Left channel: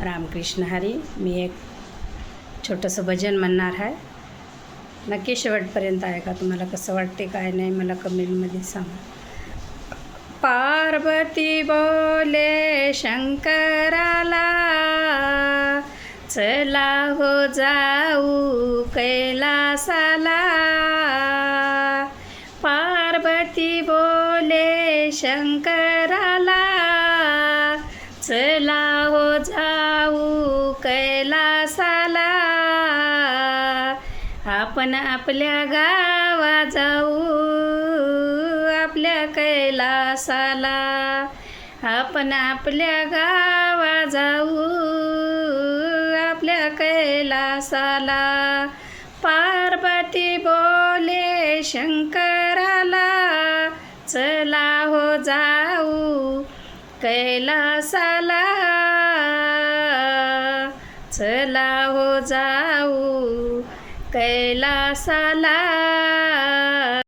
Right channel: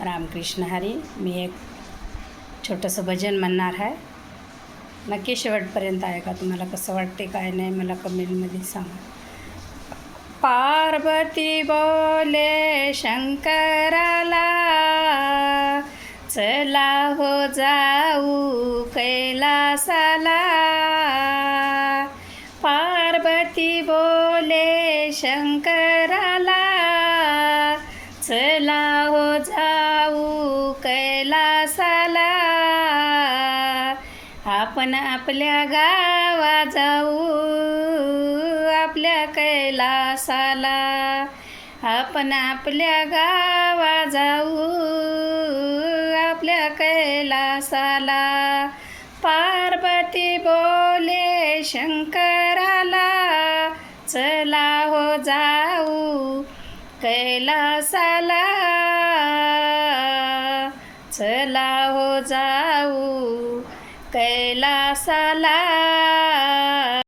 रामकृष्ण हरी. मी एक छोटंसं भजन म्हणणार आहे. नक्की शेवटपर्यंत ऐका. तुम्हाला कसं वाटते काय नाही मला कमेंटमध्ये सांगा. पार्वती बोले शंकराला, चला हो जाऊ कैलासाला. पार्वती बोले शंकराला, चला हो जाऊ कैलासाला. आपण आपल्या गावा जाऊ, आपल्या कैलासाला. आपण आपल्या गावा जाऊ, आपल्या कैलासाला. पार्वती बोले शंकराला, चला हो जाऊ कैलासाला. चला हो जाऊ कैलासाला.